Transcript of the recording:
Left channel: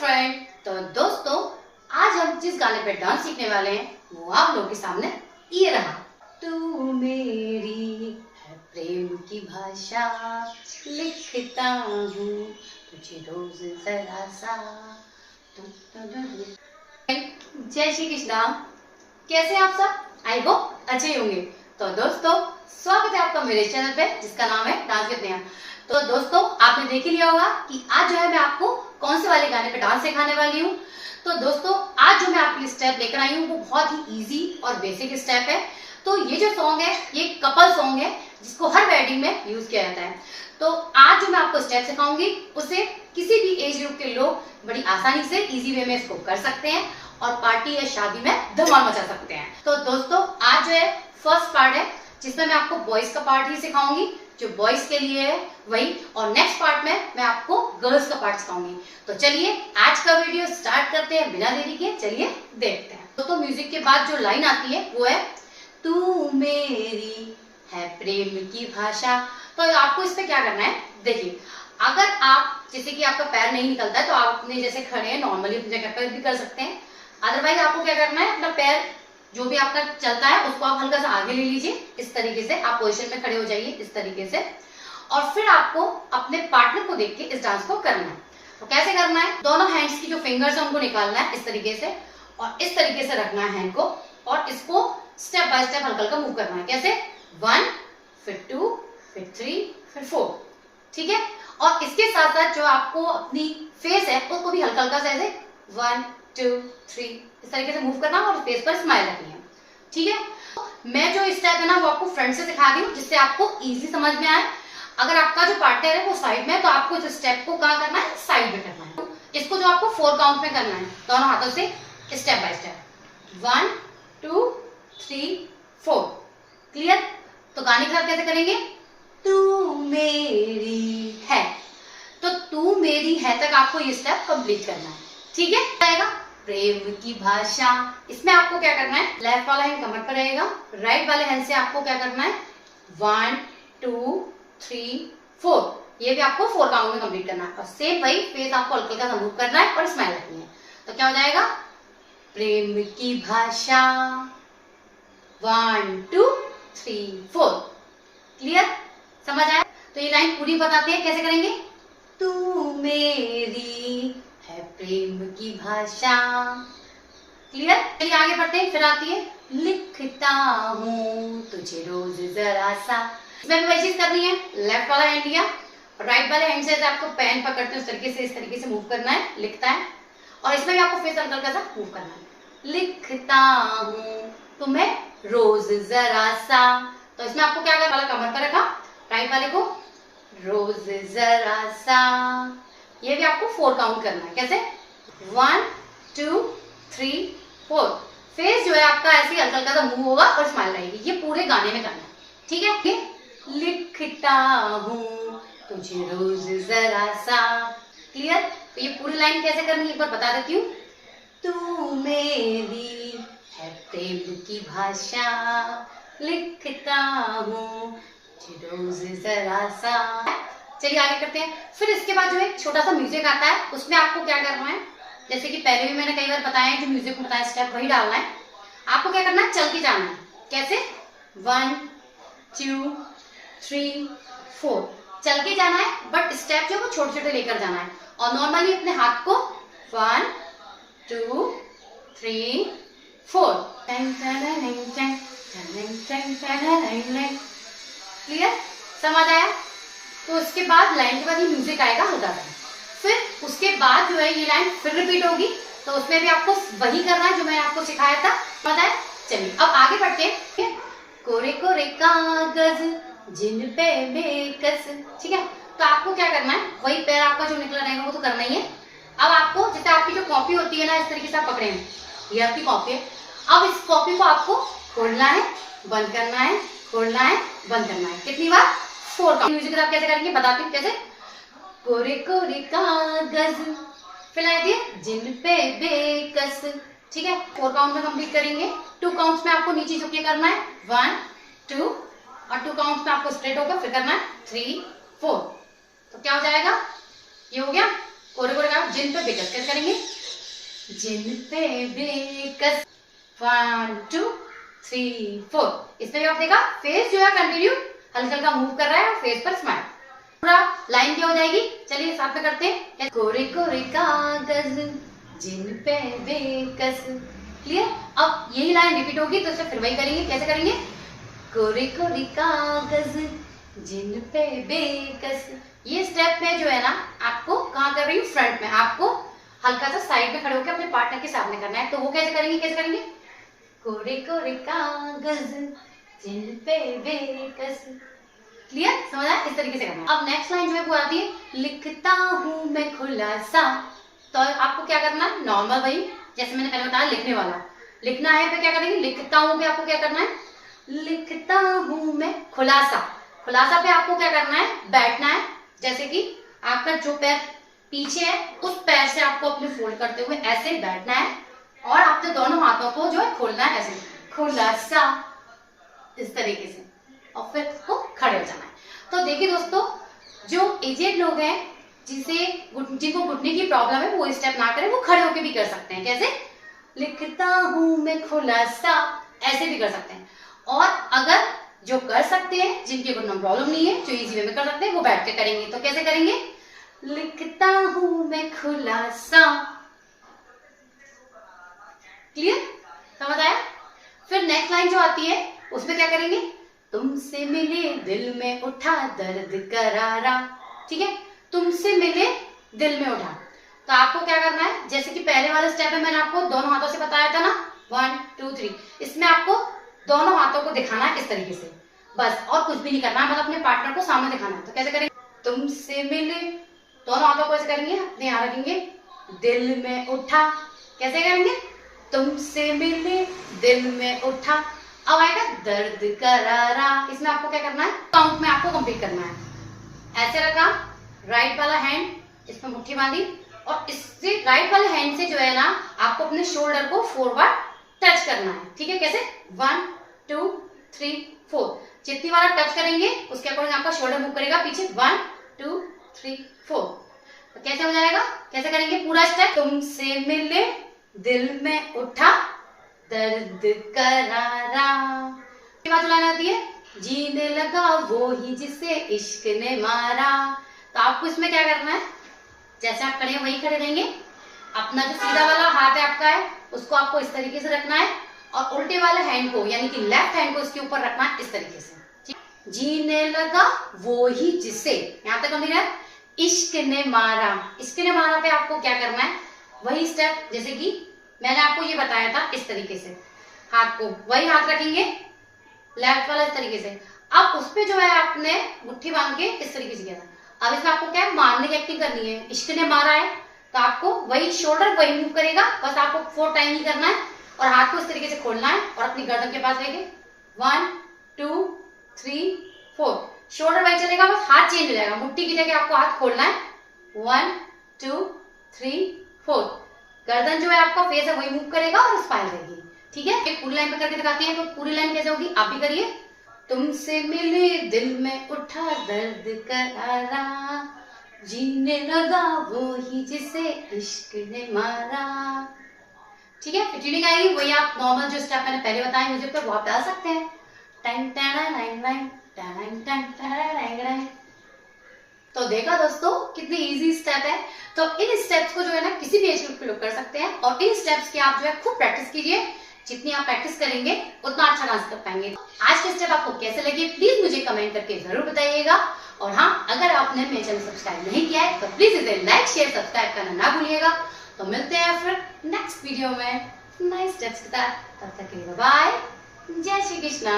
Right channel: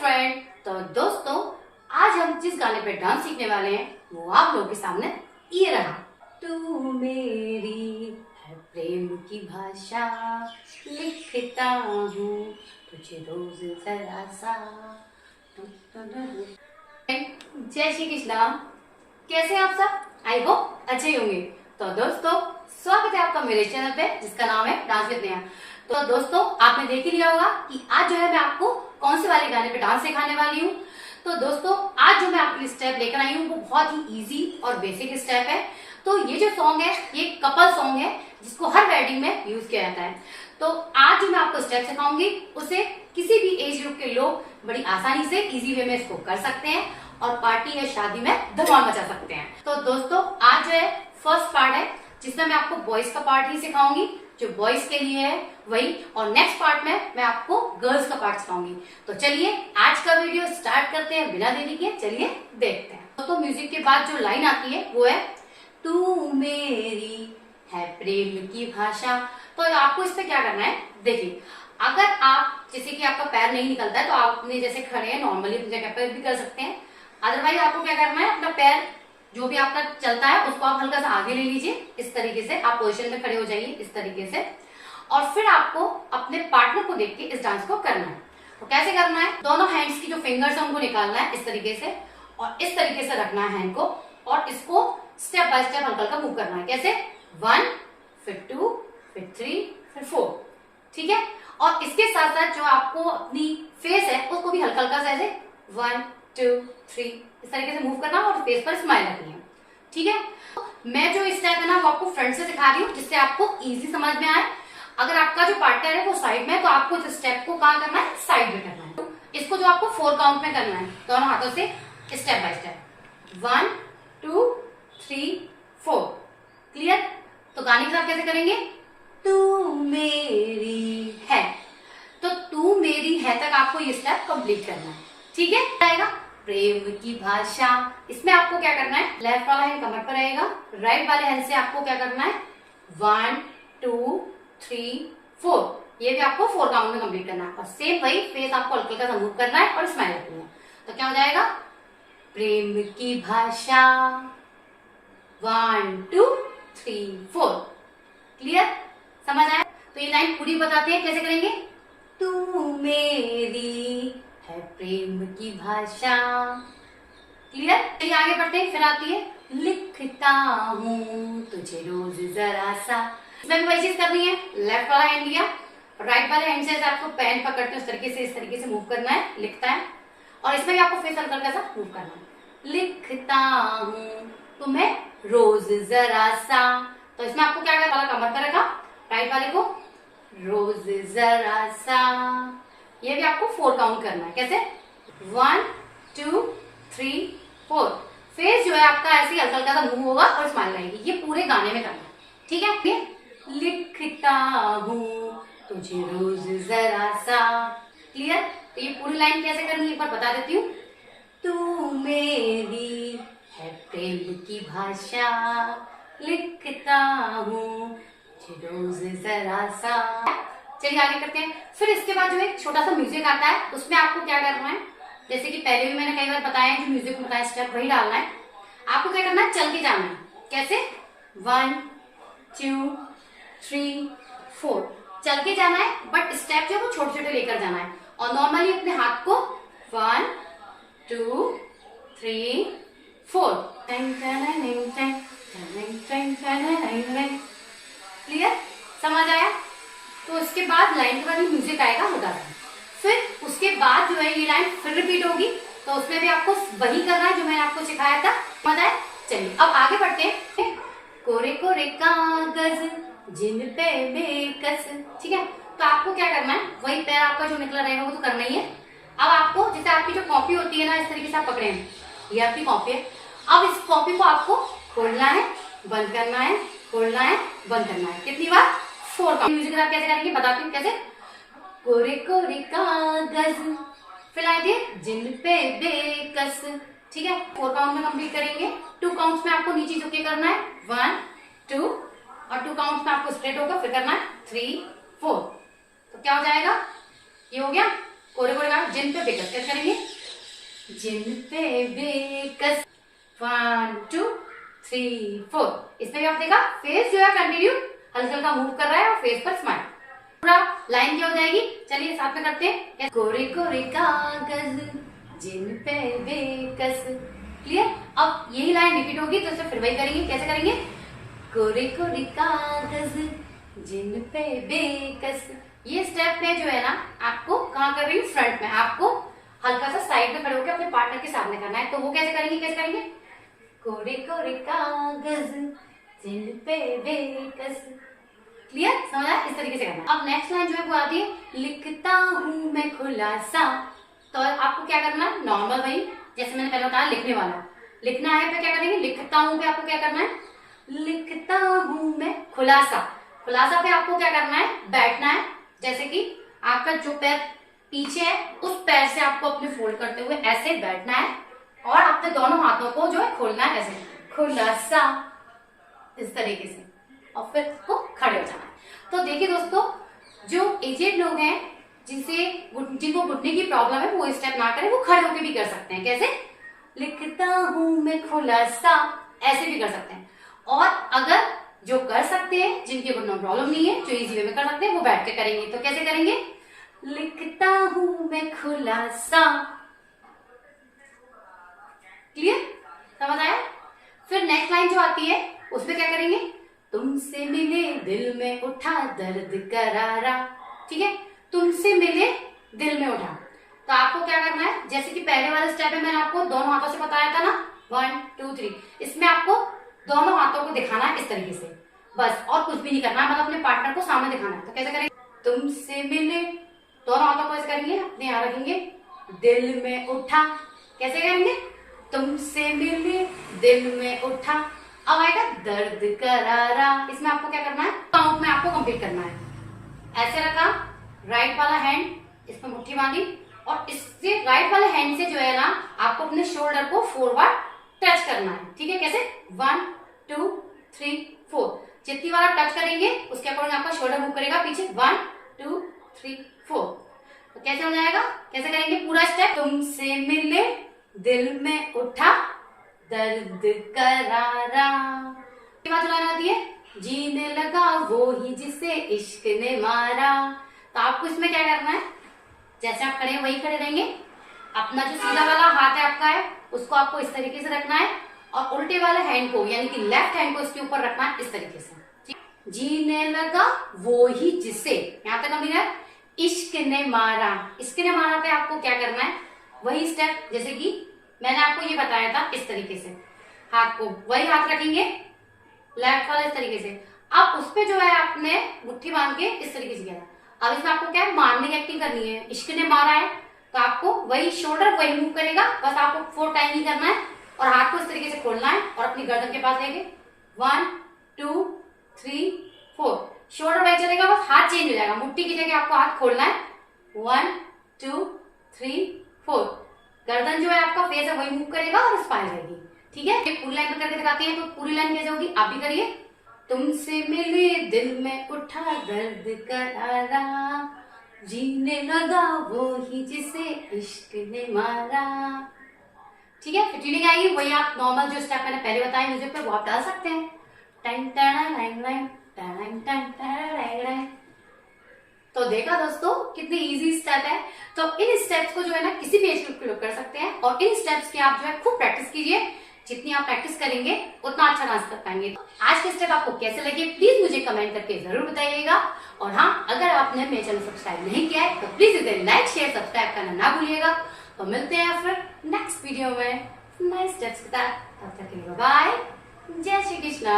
Friend. तो दोस्तों, आज हम जिस गाने पे डांस सीखने वाले हैं वो आप लोगों के सामने ये रहा। तू मेरी है प्रेम की भाषा, लिखता हूँ तुझे रोज जरा सा। जय श्री कृष्णा। कैसे हैं आप सब? आई होप अच्छे ही होंगे। तो दोस्तों, स्वागत है आपका मेरे चैनल पे जिसका नाम है डांस विद नेहा। तो दोस्तों, आपने देख ही लिया होगा कि आज जो है मैं आपको कौन से वाले गाने पे डांस सिखाने वाली हूँ। तो दोस्तों, आज जो मैं आपके लिए स्टेप लेकर आई हूँ वो बहुत ही इजी और बेसिक स्टेप है। तो ये जो सॉन्ग है ये कपल सॉन्ग है जिसको हर वेडिंग में यूज किया जाता है। तो आज जो मैं आपको स्टेप सिखाऊंगी उसे किसी भी एज ग्रुप के लोग बड़ी आसानी से इजी वे में इसको कर सकते हैं और पार्टी या शादी में धमाल मचा सकते हैं। तो दोस्तों, आज जो है फर्स्ट पार्ट है जिसमें मैं आपको बॉयज का पार्ट ही सिखाऊंगी, जो बॉयज के लिए है वही, और नेक्स्ट पार्ट में मैं आपको गर्ल्स का पार्ट सिखाऊंगी। तो चलिए आज का वीडियो स्टार्ट करते हैं बिना देरी के। चलिए देखते हैं। तो म्यूजिक के बाद जो लाइन आती है वो है तू मेरी है प्रेम की भाषा। तो आपको इस पे क्या करना है, देखिए, अगर आप जैसे कि आपका पैर नहीं निकलता है तो आपने जैसे खड़े हैं नॉर्मली अपनी जगह पर भी कर सकते हैं। अदरवाइज आपको क्या करना है, अपना पैर जो भी आपका चलता है उसको आप हल्का सा आगे ले लीजिए। इस तरीके से आप पोजीशन में खड़े हो जाइए इस तरीके से, और फिर आपको अपने पार्टनर को देख के इस डांस को करना है। तो कैसे करना है, दोनों हैंड्स की जो फिंगर्स है उनको निकालना है इस तरीके से, और इस तरीके से रखना है हैंड को, और इसको स्टेप बाय स्टेप हल्का हल्का मूव करना है। कैसे, 1 फिर 2 फिर 3 फिर 4, ठीक है। और इसके साथ साथ जो आपको अपनी फेस है उसको भी हल्का हल्का से ऐसे 1 2 3 इस तरीके से मूव करना और फेस पर स्माइल रखनी है, ठीक है। तो मैं जो स्टेप है ना वो आपको फ्रंट से सिखा रही हूँ जिससे आपको इजी समझ में आए। अगर आपका जो पार्टनर है वो साइड में है तो आपको इस स्टेप को कहाँ करना है, साइड में करना है। इसको जो आपको 4 काउंट में करना है दोनों हाथों से स्टेप बाय स्टेप, 1 2 3 4। क्लियर? तो गाने के साथ कैसे करेंगे, तू मेरी है, तो तू मेरी है तक आपको ये स्टेप कंप्लीट करना है, ठीक है। आएगा प्रेम की भाषा, इसमें आपको क्या करना है, लेफ्ट वाला हैंड कमर पर रहेगा, राइट वाले हैंड से आपको क्या करना है 1 2 3 4, ये भी आपको 4 काउंट में कंप्लीट करना है। और सेम वही फेस आपको हल्के का मूव करना है और स्माइल रखनी है। तो क्या हो जाएगा, प्रेम की भाषा 1 2 3 4। क्लियर? समझ आया? तो ये लाइन पूरी बताते हैं कैसे करेंगे। तू मेरी है प्रेम की भाषा। क्लियर? चलिए आगे बढ़ते हैं। फिर आती है लिखता हूँ तुझे रोज जरा सा। इसमें भी वही चीज करनी है, लेफ्ट वाला हैंड लिया, राइट वाले हैंड से आपको पेन पकड़ते हैं इस तरीके से मूव करना है, लिखता है। और इसमें भी आपको फेस हल्का हल्का सा मूव करना है, लिखता हूँ तुम्हें रोज जरा सा। तो इसमें आपको क्या करना, कमर पर रखा, राइट वाले को रोज जरा सा, ये भी आपको 4 काउंट करना है। कैसे, 1 2 3 4। फेस जो है आपका ऐसे हल्का हल्का सा मूव होगा और स्माइल आएगी। ये पूरे गाने में करना है, ठीक है। लिखता हूँ तुझे रोज जरा सा। क्लियर? तो ये पूरी लाइन कैसे करनी है एक बार बता देती हूँ। तू मेरी है प्रेम की भाषा, लिखता हूँ रोज जरा सा। चलिए आगे करते हैं। फिर इसके बाद जो एक छोटा सा म्यूजिक आता है, उसमें आपको क्या करना है, जैसे कि पहले भी मैंने कई बार बताया जो म्यूजिक में बताया स्टेप वही डालना है। आपको क्या करना है, चल के जाना है। कैसे, 1 2 3 4 चल के जाना है, बट स्टेप जो है वो छोटे छोटे लेकर जाना है। और नॉर्मली अपने हाथ को 1 2 3 4। क्लियर? समझ आया? तो उसके बाद लाइन के बाद ही म्यूजिक आएगा हल्का सा। फिर उसके बाद जो है ये लाइन फिर रिपीट होगी, तो उसमें भी आपको वही करना है जो मैंने आपको सिखाया था। समझ आया? चलिए अब आगे बढ़ते हैं। कोरे कोरे कागज जिन पे बेकस, ठीक है। तो आपको क्या करना है, वही पैर आपका जो निकला रहेगा वो तो करना ही है। अब आपको जैसे आपकी जो कॉपी होती है ना, इस तरीके से आप पकड़े हैं, ये आपकी कॉपी है। अब इस कॉपी को आपको खोलना है, बंद करना है, खोलना है, बंद करना है। कितनी बार, 4 काउंट। म्यूजिक के साथ कैसे करेंगे बताती हूँ। कैसे, कोरे कोरे कागज फैला दिए जिन पे बेकस, ठीक है। 4 काउंट में कंप्लीट करेंगे। 2 काउंट्स में आपको नीचे झुक के करना है, 1 2, और 2 काउंट्स में आपको स्ट्रेट होकर फिर करना है 3 4। तो क्या हो जाएगा, ये हो गया कोरियोग्राफ जिन पे बेकस कैसे करेंगे, जिन पे बेकस 1 2 3 4। इसमें भी आप देखा फेस जो है कंटिन्यू हल्का हल्का मूव कर रहा है और फेस पर स्माइल, पूरा लाइन क्या हो जाएगी। चलिए साथ में करते हैं। कोरे कोरे कागज जिन पे बेकस, क्लियर। अब यही लाइन रिपीट होगी तो इसे फिर वही करेंगे। कैसे करेंगे, कोरे कोरे कागज जिन पे बेकस। ये स्टेप में जो है ना आपको कहाँ कर रही हूँ, फ्रंट में। आपको हल्का सा साइड में खड़े होकर अपने पार्टनर के सामने करना है। तो वो कैसे करेंगे, कैसे करेंगे, कोरे कोरे कागज जिन पे बेकस। क्लियर, समझ आया, इस तरीके से करना है। अब नेक्स्ट लाइन जो है वो आती है, लिखता हूं मैं खुलासा। तो आपको क्या करना है, नॉर्मल वही जैसे मैंने पहले बताया लिखने वाला लिखना है। तो क्या करेंगे, लिखता हूं पे आपको क्या करना है, लिखता हूं मैं खुलासा। खुलासा पे आपको क्या करना है, बैठना है। जैसे कि आपका जो पैर पीछे है उस पैर से आपको अपने फोल्ड करते हुए ऐसे बैठना है और अपने दोनों हाथों को जो है खोलना है ऐसे, खुलासा, इस तरीके से, और फिर को खड़े हो जाना है। तो देखिए दोस्तों, जो एजेड लोग हैं जिनको घुटने की प्रॉब्लम है वो स्टेप ना करें, वो खड़े होकर भी कर सकते हैं। कैसे, लिखता हूं मैं खुलासा, ऐसे भी कर सकते हैं। और अगर जो कर सकते हैं, जिनके घुटनों में प्रॉब्लम नहीं है, जो इजी वे में कर सकते हैं, वो बैठ के करेंगे। तो कैसे करेंगे, लिखता हूं मैं खुलासा। क्लियर, समझ आया। फिर नेक्स्ट लाइन जो आती है उसमें क्या करेंगे, तुमसे मिले दिल में उठा दर्द करारा। ठीक है, तुमसे मिले दिल में उठा। तो आपको क्या करना है, जैसे कि पहले वाला स्टेप है मैंने आपको दोनों हाथों से बताया था ना, 1 2 3। इसमें आपको दोनों हाथों को दिखाना है इस तरीके से, बस, और कुछ भी नहीं करना है, मतलब अपने पार्टनर को सामने दिखाना है। तो कैसे करेंगे, तुमसे मिले, दोनों हाथों को ऐसे करेंगे, अपने यहाँ रखेंगे, दिल में उठा। कैसे करेंगे, तुमसे मिले दिल में उठा। अब आएगा दर्द करारा। इसमें आपको क्या करना है, काउंट में आपको कंप्लीट करना है। ऐसे रखा, राइट वाला हैंड इसमें मुट्ठी बांधी, और इससे राइट वाले हैंड से जो है ना आपको अपने शोल्डर को फॉरवर्ड टच करना है। ठीक है, कैसे, 1 2 3 4। जितनी बार टच करेंगे उसके अकॉर्डिंग आपका शोल्डर मूव करेगा पीछे, 1 2 3 4। तो कैसे हो जाएगा, कैसे करेंगे पूरा स्टेप, तुमसे मिले दिल में उठा दर्द करारा। के बाद लाइन आती है, जीने लगा वो ही जिसे इश्क ने मारा। तो आपको इसमें क्या करना है, जैसे आप खड़े हैं वही खड़े रहेंगे। अपना जो सीधा वाला हाथ है आपका है उसको आपको इस तरीके से रखना है, और उल्टे वाले हैंड को यानी कि लेफ्ट हैंड को इसके ऊपर रखना है इस तरीके से। जीने लगा वो ही जिसे, यहां तक हमने इश्क ने मारा। इश्क ने मारा पे आपको क्या करना है, वही स्टेप जैसे कि मैंने आपको ये बताया था, इस तरीके से हाथ को वही हाथ रखेंगे, लेफ्ट वाला इस तरीके से। अब उस पे जो है आपने मुट्ठी बांध के इस तरीके से किया। अब इसमें आपको क्या है, मारने की एक्टिंग करनी है। इश्क ने मारा है तो आपको वही शोल्डर वही मूव करेगा, बस आपको 4 टाइम ही करना है, और हाथ को इस तरीके से खोलना है और अपनी गर्दन के पास लेके 1 2 3 4। शोल्डर वही चलेगा, बस हाथ चेंज हो जाएगा, मुट्ठी की जगह आपको हाथ खोलना है, 1 2 3 4। गर्दन जो है आपका फेस है वही मूव करेगा और स्पाइल रहेगी। ठीक है, एक पूरी लाइन में करके दिखाती हैं। तो पूरी लाइन कैसे होगी, आप भी करिए, तुमसे मिले दिल में उठा दर्द करारा, जीने लगा वो ही जिसे इश्क ने मारा। ठीक है, फिर ट्यूनिंग आएगी, वही आप नॉर्मल जो स्टेप मैंने पहले बताए म्यूजिक पे वो आप डाल सकते हैं। टन टन लाइन लाइन टन टन टन। तो देखा दोस्तों कितनी इजी स्टेप है। तो इन स्टेप्स को जो है ना किसी भी एज ग्रुप के लोग कर सकते हैं, और इन स्टेप्स की आप जो है खूब प्रैक्टिस कीजिए। जितनी आप प्रैक्टिस करेंगे उतना अच्छा डांस कर पाएंगे। आज के स्टेप आपको कैसे लगे प्लीज मुझे कमेंट करके जरूर बताइएगा। और हाँ, अगर आपने मेरे चैनल सब्सक्राइब नहीं किया है तो प्लीज इसे लाइक शेयर सब्सक्राइब करना ना भूलिएगा। तो मिलते हैं फिर नेक्स्ट वीडियो में नए स्टेप्स के साथ। तब तक के लिए बाय, जय श्री कृष्णा।